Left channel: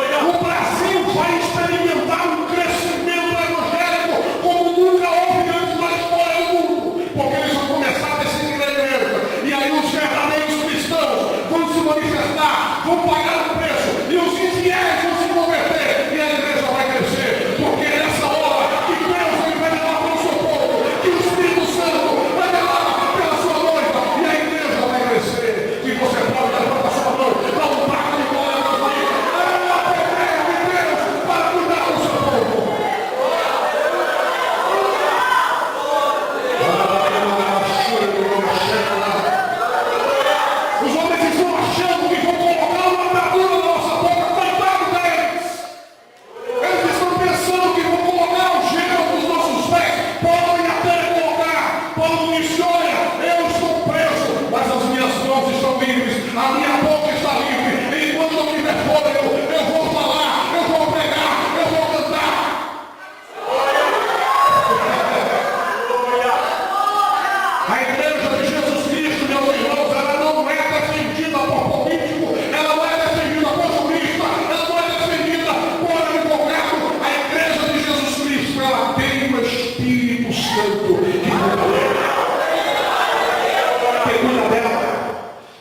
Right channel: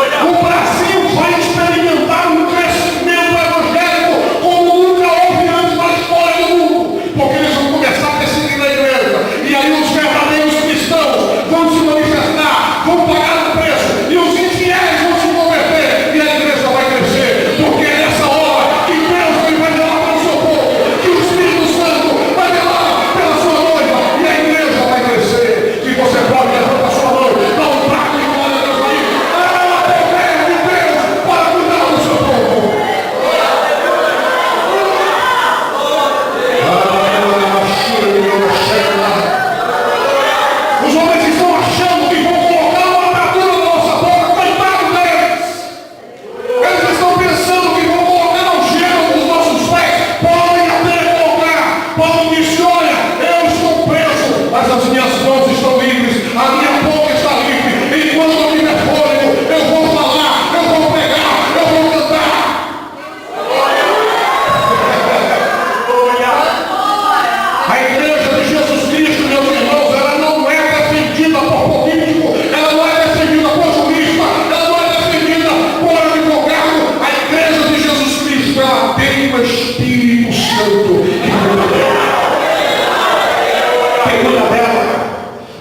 O Brasil vai experimentar um crescimento evangélico como nunca houve antes na história do mundo, porque eles vão começar a perseguir na igreja, e aí os verdadeiros cristãos vão se manifestar, vão pagar o preço, e os infiéis vão se converter, e a igreja vai crescer, porque é nessa hora que Deus ele vai velar pelo seu povo, que o Espírito Santo vai velar pela sua noiva, e a igreja vai crescer. Se você pode levantar a sua mão, dá um prato de glória a Deus aí. É o poder de Deus para cuidar do seu povo. Os homens estão achando que vão colocar uma atadura na nossa boca, coitado deles. Eles estão pensando que vão colocar algema nos nossos pés. Podem até colocar, podem dizer, olha, eu estou preso, mas as minhas mãos estão livres, a minha boca está livre. Enquanto eu tiver fôlego, eu vou falar, eu vou pregar, eu vou cantar. A igreja de Jesus Cristo, meus irmãos, ela não é defendida por político, ela não é defendida por jurista, ela não é defendida por advogado. A igreja de Jesus Cristo, ela tem o Espírito Santo que cuida dela. Que cuida dela.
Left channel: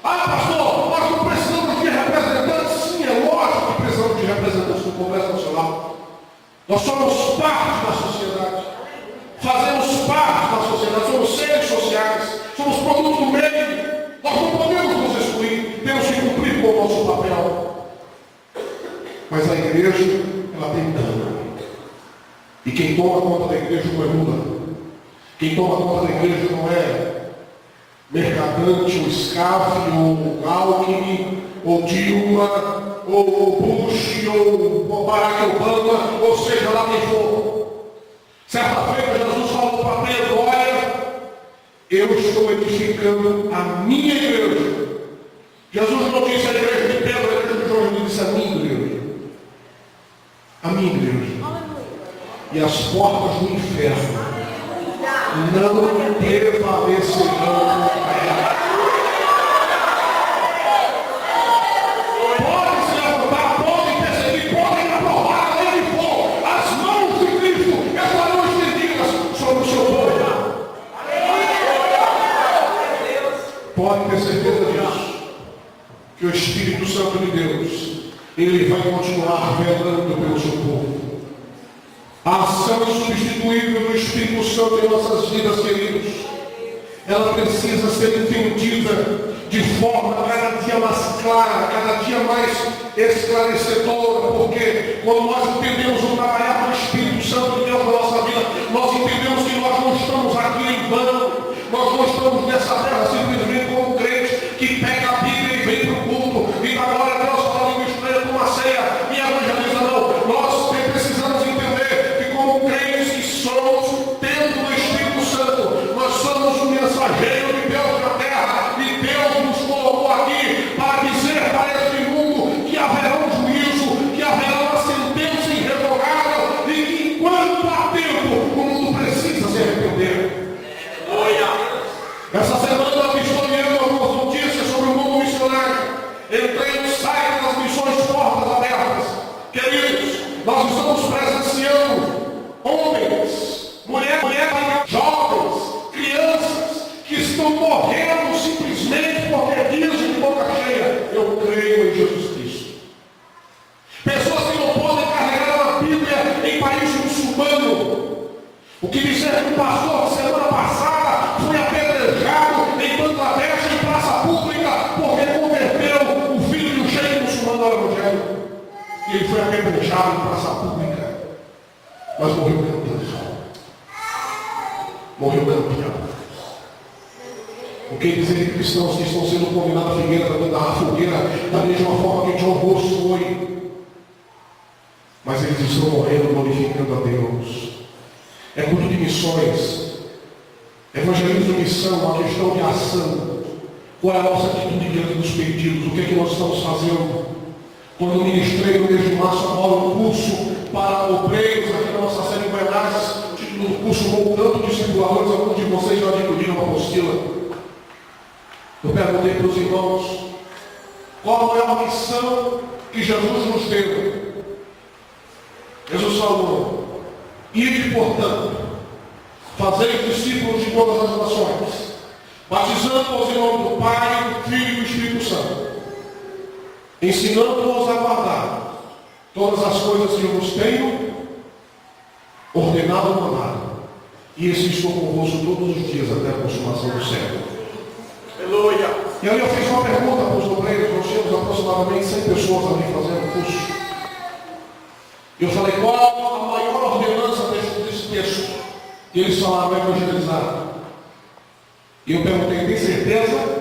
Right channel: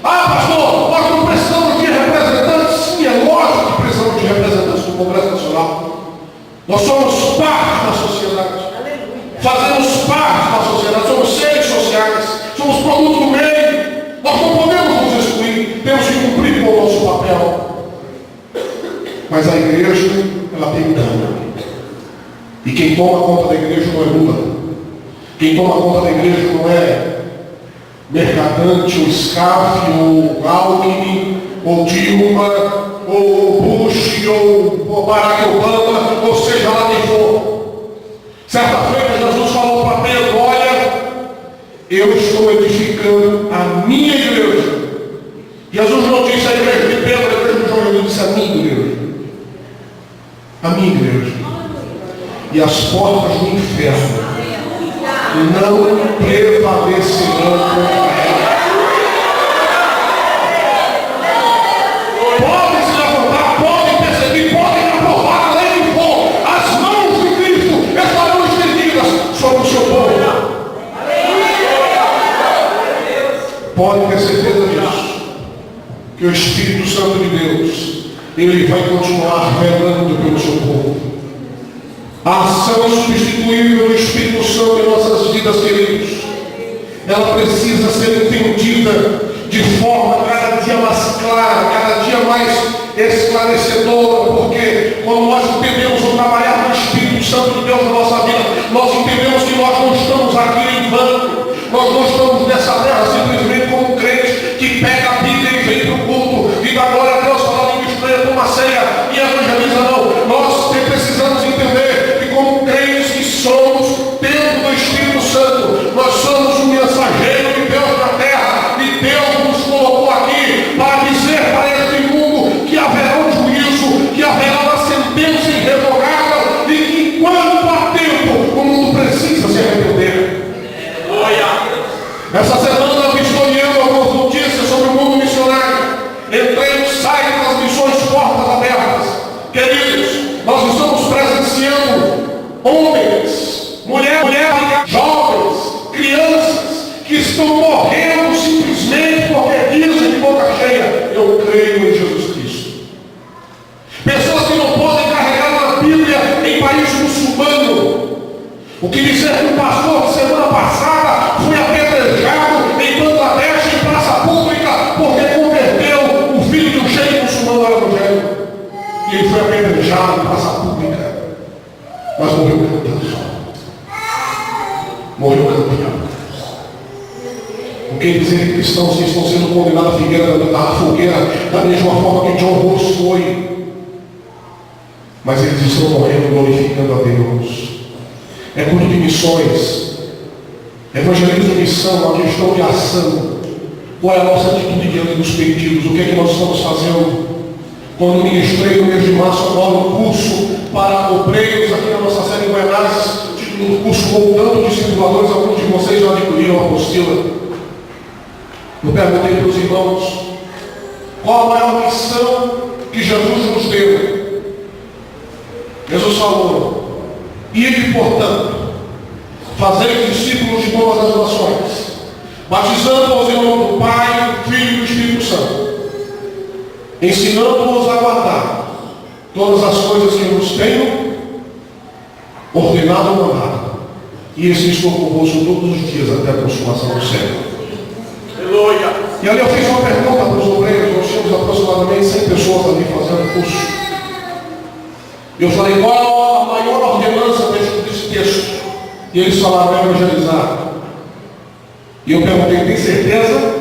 Ah, pastor, nós não precisamos de representantes. Sim, é lógico que precisamos de representantes do Congresso Nacional. Nós somos parte da sociedade. Fazemos parte da sociedade, somos seres sociais, somos produto do meio. Nós não podemos nos excluir, temos que cumprir com o nosso papel. Mas a igreja, ela tem um plano. E quem toma conta da igreja não é Lula. Quem toma conta da igreja não é Mercadante, ou Scarfe, ou Alckmin, ou Dilma, ou Bush, ou Barack Obama, ou seja lá quem for. Certa feita Jesus falou para Pedro, olha, eu estou edificando a minha igreja. Jesus não disse a igreja de Pedro, a igreja de João, ele disse a minha igreja. A minha igreja. E as portas do inferno não prevalecerão contra ela. Podem se levantar, podem perseguir, podem aprovar a lei que for. As mãos de Cristo estarão estendidas sobre o seu povo. Pode ter certeza disso, que o Espírito Santo de Deus, ele vai continuar velando pelo seu povo. A ação insubstituível do Espírito Santo em nossas vidas, queridos, ela precisa ser entendida de forma cada dia mais clara, cada dia mais esclarecedora, porque quando nós entendemos o trabalhar do Espírito Santo de Deus na nossa vida, nós entendemos que nós não estamos aqui em vão, nós não estamos nessa terra simplesmente como um crente que pega a Bíblia e vem para o culto e dá glória a Deus, fala língua estranha, toma ceia e evangeliza. Não, nós precisamos entender que como crentes que somos, tendo o Espírito Santo, nós somos um mensageiro de Deus na terra, e Deus nos colocou aqui para dizer para este mundo que haverá um juízo, que haverá uma sentença irrevogável, e que enquanto há tempo, o mundo precisa se arrepender. Essa semana eu vistoriando algumas notícias sobre o mundo missionário. Entrei no site das missões Portas Abertas. Queridos, nós estamos presenciando homens, mulheres, jovens, crianças que estão morrendo simplesmente porque dizem de boca cheia, eu creio em Jesus Cristo. Pessoas que não podem carregar uma Bíblia em país muçulmano. O que disser que o pastor de semana passada foi apedrejado em Bangladesh, em praça pública, porque converteu o filho de um sheik muçulmano ao evangelho. E ele foi apedrejado em praça pública, mas morreu cantando. Morreu campeão. O que dizer de cristãos que estão sendo condenados à fogueira da mesma forma que John Ross foi, mas eles estão morrendo glorificando a Deus. É culto de missões, evangelismo, missão, uma questão de ação. Qual é a nossa atitude diante dos pedidos? O que é que nós estamos fazendo? Quando ministrei no mês de março agora um curso para obreiros aqui na nossa série em Goiás, no curso Voltando Discipuladores, alguns de vocês já adquiriram a apostila. Eu perguntei para os irmãos, qual a maior missão que Jesus nos deu? Jesus falou: ide, portanto, fazei discípulos de todas as nações, batizando-os em nome do Pai, do Filho e do Espírito Santo, ensinando-os a guardar todas as coisas que vos tenho ordenado ou mandado. E esse estou convosco todos os dias até a consumação do século. Aleluia! E ali eu fiz uma pergunta para os obreiros. Nós tínhamos aproximadamente 100 pessoas ali fazendo curso. Eu falei: qual a maior ordenança desse texto? E eles falaram: evangelizar. E eu perguntei: tem certeza?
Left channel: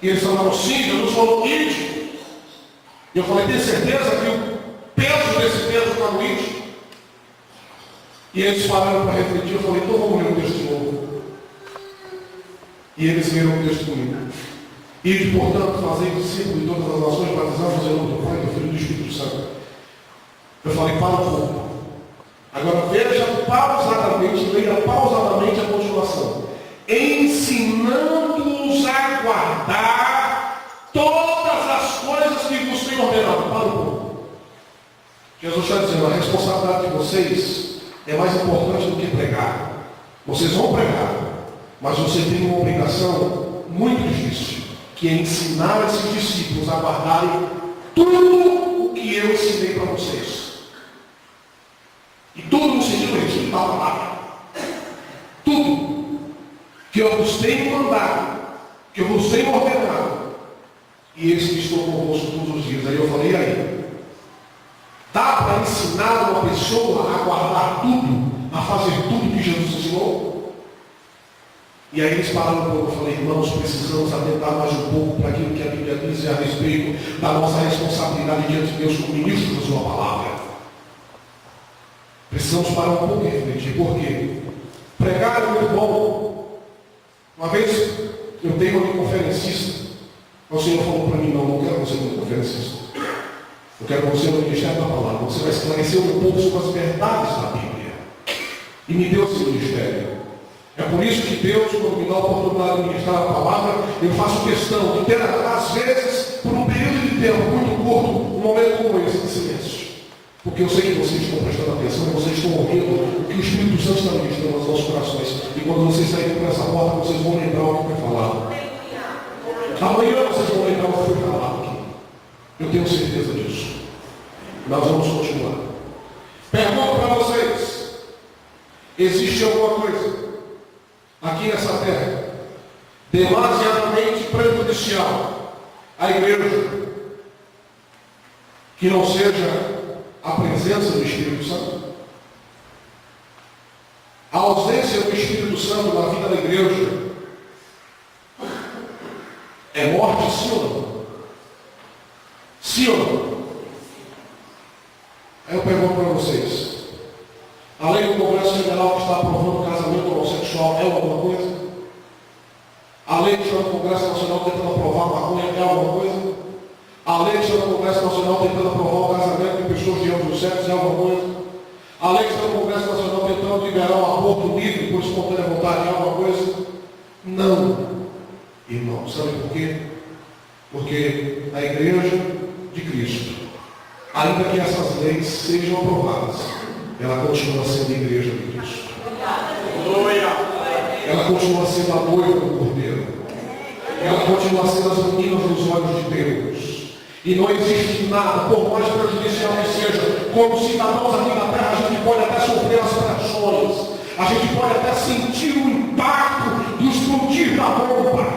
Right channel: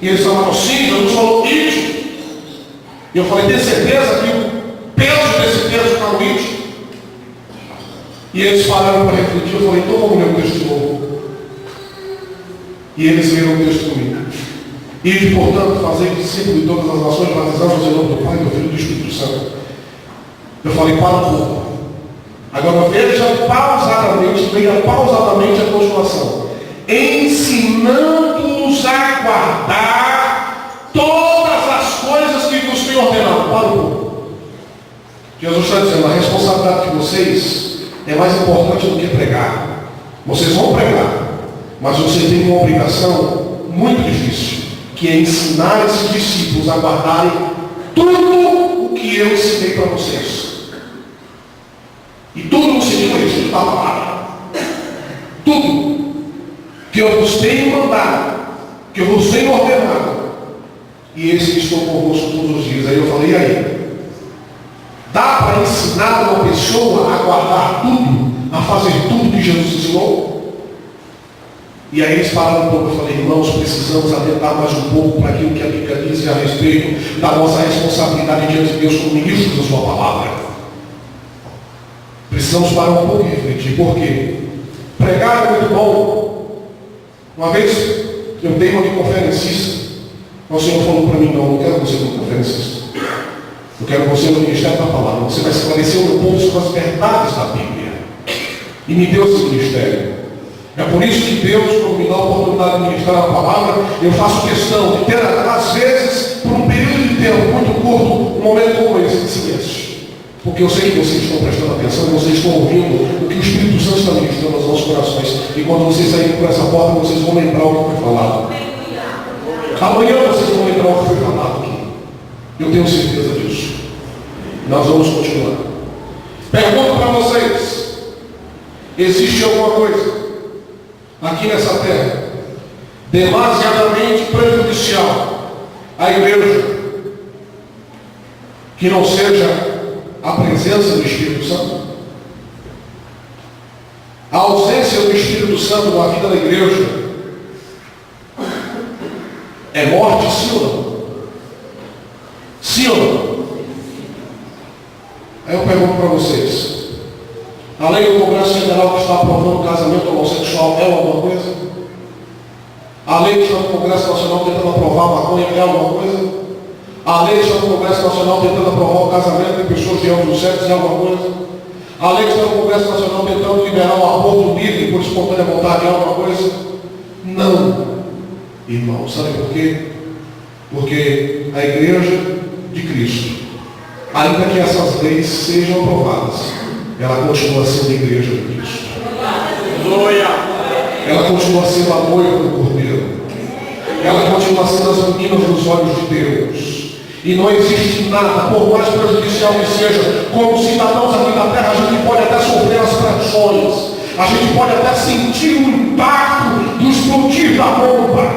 E eles falaram: sim. Jesus falou: ide. E eu falei: tem certeza que o peso desse texto está no ide? E eles pararam para refletir. Eu falei: então vamos ler o texto de novo. E eles leram o texto comigo. Ide, portanto, fazei discípulos de todas as nações, batizando-os em nome do Pai, do Filho e do Espírito Santo. Eu falei: para um pouco. Agora veja pausadamente, leia pausadamente a continuação. Ensinando-os a guardar todas as coisas que vos tenho ordenado. Para um pouco. Jesus está dizendo: a responsabilidade de vocês é mais importante do que pregar. Vocês vão pregar, mas vocês têm uma obrigação muito difícil, que é ensinar esses discípulos a guardarem tudo o que eu ensinei para vocês. E tudo no sentido de da palavra. Tudo que eu vos tenho mandado, que eu vos tenho ordenado. E esse que estou convosco todos os dias. Aí eu falei: e aí? Dá para ensinar uma pessoa a guardar tudo, a fazer tudo que Jesus ensinou? E aí eles pararam um pouco. Eu falei: irmãos, precisamos atentar mais um pouco para aquilo que a Bíblia diz a respeito da nossa responsabilidade diante de Deus como ministros da sua palavra. Precisamos parar um pouco e refletir. Por quê? Pregar é muito bom. Uma vez eu dei uma conferencista. O Senhor falou para mim: não quero você como conferencista. Eu quero você no ministério da palavra. Você vai esclarecer o meu povo sobre as verdades da Bíblia. E me deu esse ministério. É por isso que Deus, quando me dá a oportunidade de ministrar a palavra, eu faço questão de ter, às vezes, por um período de tempo muito curto, um momento como esse de silêncio. Porque eu sei que vocês estão prestando atenção e vocês estão ouvindo o que o Espírito Santo está ministrando aos nossos corações. E quando vocês saírem por essa porta, vocês vão lembrar o que foi falado. Amanhã vocês vão lembrar o que foi falado aqui. Eu tenho certeza disso. Nós vamos continuar. Pergunto para vocês: existe alguma coisa aqui nessa terra demasiadamente prejudicial à igreja que não seja a presença do Espírito Santo? A ausência do Espírito Santo na vida da igreja é morte, sim ou não? Sim ou não? Aí eu pergunto para vocês: a lei do Congresso Federal que está aprovando o casamento homossexual é alguma coisa? A lei que está no Congresso Nacional tentando aprovar a maconha é alguma coisa? A lei que está no Congresso Nacional tentando aprovar o casamento de pessoas de ambos os sexos é alguma coisa? A lei que está no Congresso Nacional tentando liberar o aborto livre por espontânea vontade é alguma coisa? Não, irmão. Sabe por quê? Porque a igreja de Cristo, ainda que essas leis sejam aprovadas, ela continua sendo a igreja de Cristo. Ela continua sendo a noiva do Cordeiro. Ela continua sendo as meninas dos olhos de Deus. E não existe nada, por mais prejudicial que seja, como cidadãos aqui na terra, a gente pode até sofrer as pressões, a gente pode até sentir o impacto do explodir da bomba,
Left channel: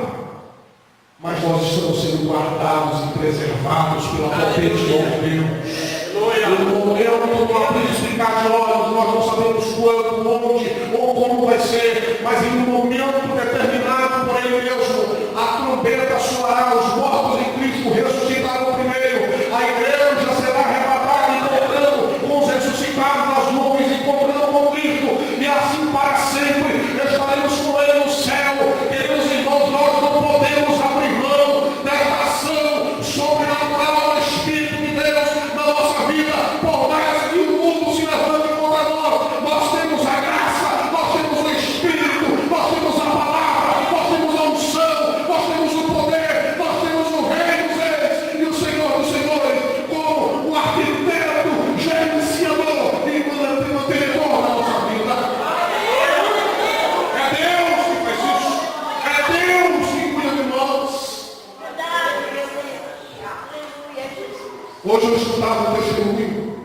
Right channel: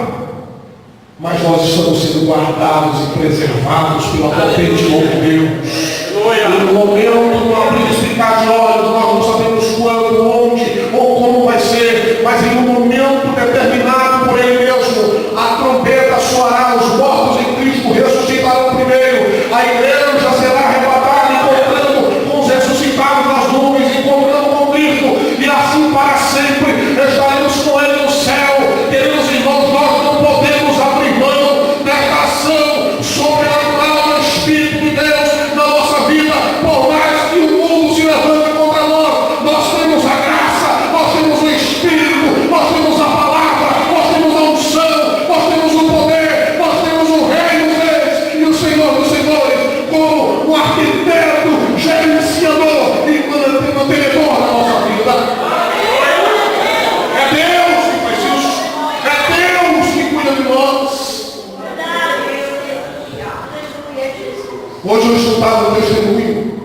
mas nós estamos sendo guardados e preservados pela potente mão de Deus. E no momento do abrir e ficar de olhos, nós não sabemos quando, onde ou como vai ser, mas em um momento determinado por Ele mesmo, a trombeta soará, os mortos em Cristo ressuscitarão primeiro, a igreja será arrebatada, encontrando com os ressuscitados nas nuvens, encontrando com Cristo, e assim para sempre estaremos com Ele no céu. Queridos irmãos, nós não podemos abrir mão desta ação sobrenatural do Espírito de Deus na nossa vida, por mais que o mundo se levante contra nós. Nós temos a graça, nós temos o Espírito, nós temos a palavra, Hoje eu escutava um testemunho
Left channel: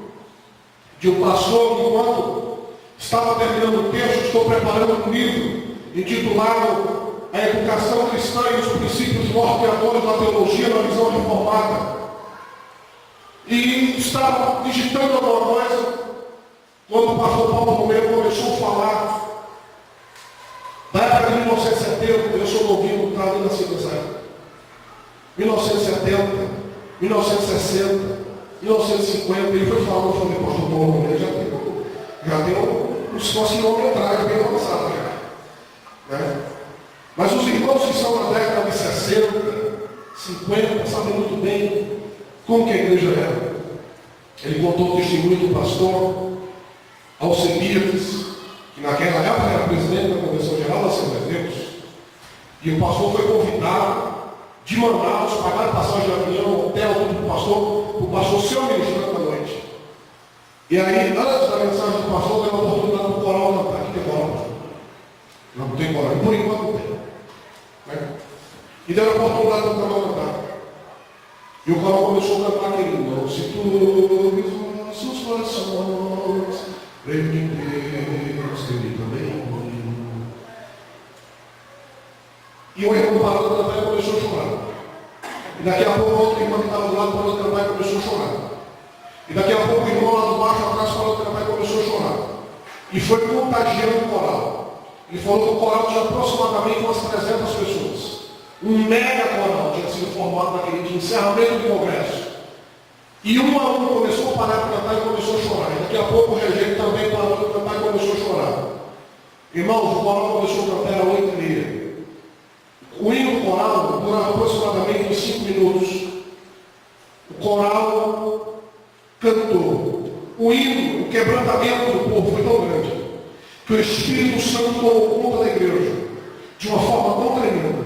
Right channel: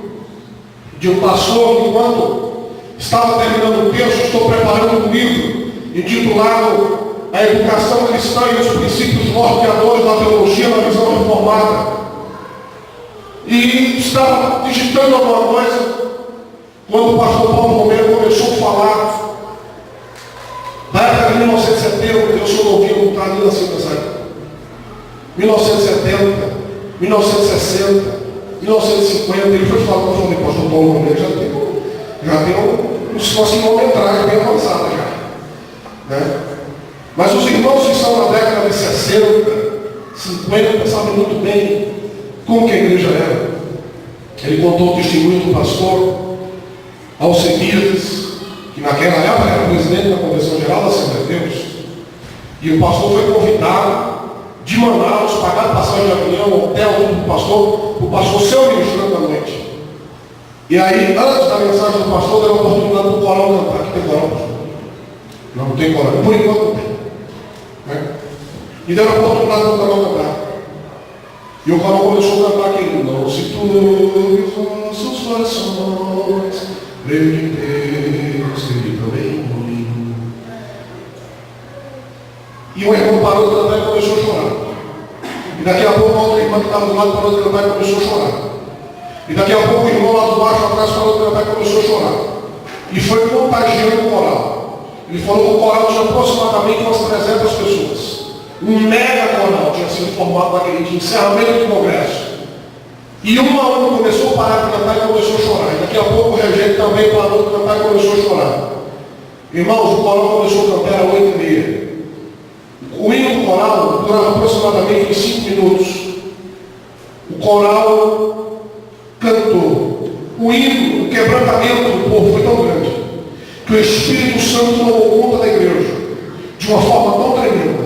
de um pastor que, enquanto estava terminando o texto, estou preparando um livro intitulado A Educação Cristã e os Princípios Norteadores da Teologia na Visão Reformada. E estava digitando alguma coisa quando o pastor Paulo Romero começou a falar da época de 1970. Eu sou novinho, não está nem nascido nessa época. 1970, 1960, 1950, ele foi falando, eu falei, pastor Paulo Romero já tem uma quilometragem bem avançada já. Né? Mas os irmãos que estão na década de 60, 50, sabem muito bem como que a igreja era. Ele contou o testemunho do pastor Alcebiades, que naquela época era presidente da Convenção Geral da Assembleia de Deus. E o pastor foi convidado de Manaus, pagaram passagem de avião, hotel, tudo para o pastor ser o ministrante da noite. E aí, antes da mensagem do pastor, deu a oportunidade do coral cantar. Aqui tem coral, pastor? Não tem coral. Por enquanto não tem. Né? E deu a oportunidade do coral cantar. E o coral começou a cantar aquele: não se turbe os nossos corações, creio em Deus, Ele também em mim. E o irmão parou de cantar e começou a chorar. E daqui a pouco a outra irmã que estava do lado parou de cantar e começou a chorar. E daqui a pouco o irmão lá do baixo atrás parou de cantar e começou a chorar. E foi contagiando o coral. Ele falou que o coral tinha aproximadamente umas 300 pessoas. Um mega coral tinha sido formado naquele dia, encerramento do congresso. E um a um começou a parar de cantar e começou a chorar. E daqui a pouco o regente também parou de cantar e começou a chorar. Irmãos, o coral começou a cantar às 8h30. O hino do coral durava aproximadamente 5 minutos. O coral cantou. O hino, o quebrantamento do povo foi tão grande que o Espírito Santo tomou conta da igreja de uma forma tão tremenda,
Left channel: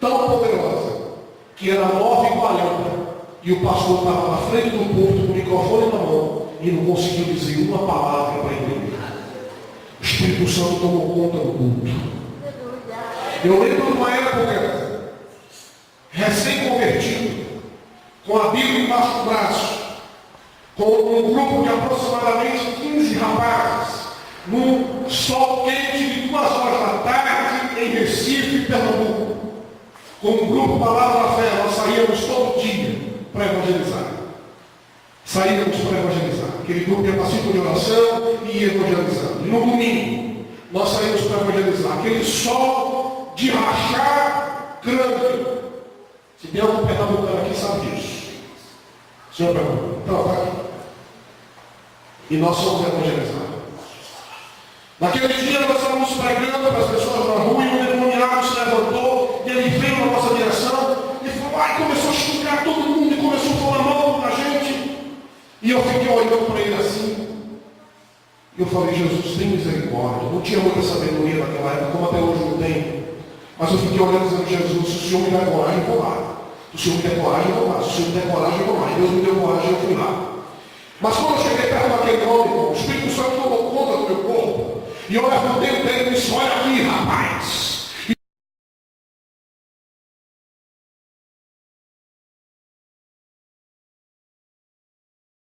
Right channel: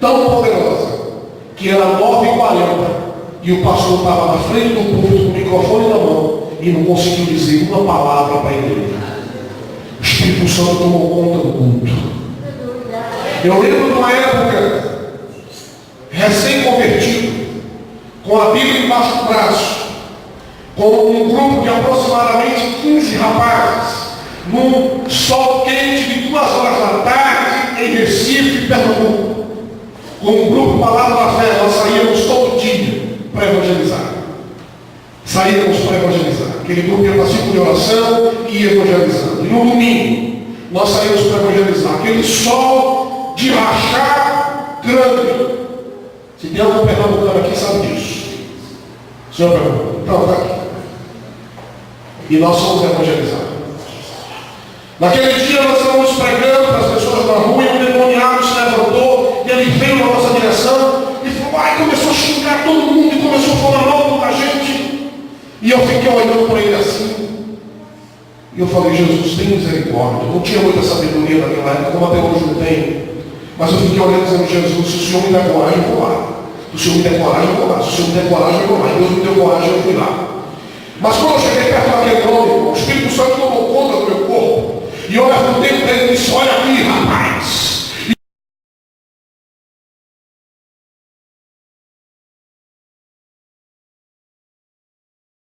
tão poderosa, que era 9h40 e o pastor estava na frente do púlpito com o microfone na mão e não conseguiu dizer uma palavra para a igreja. O Espírito Santo tomou conta do culto. Eu lembro de uma época, recém-convertido, com a Bíblia embaixo do braço, com um grupo de aproximadamente 15 rapazes, num sol quente de 2 horas da tarde, em Recife, Pernambuco. Com um grupo Palavra da Fé, nós saíamos todo dia para evangelizar. Saíamos para evangelizar. Aquele grupo ia para ciclo de oração e ia evangelizando. E no domingo, nós saímos para evangelizar. Aquele sol de rachar grande. Se tem algum pernambucano aqui, sabe disso. Senhor Pernambucano, então está aqui. E nós fomos evangelizar. Naquele dia nós estávamos pregando para as pessoas na rua e um endemoniado se levantou e ele veio na nossa direção e falou, começou a xingar todo mundo e começou a falar mal da gente. E eu fiquei olhando para ele assim. E eu falei, Jesus, tem misericórdia. Não tinha muita sabedoria naquela época, como até hoje não tem. Mas eu fiquei olhando dizendo, Jesus, se o Senhor me der coragem, eu vou lá. Se o Senhor me der coragem, eu vou lá. Se o Senhor me der coragem, eu vou lá. E Deus me deu coragem, eu fui lá. Mas quando eu cheguei perto daquele homem, o Espírito Santo tomou conta do meu corpo. E eu levantei o dedo e disse, olha aqui, rapaz.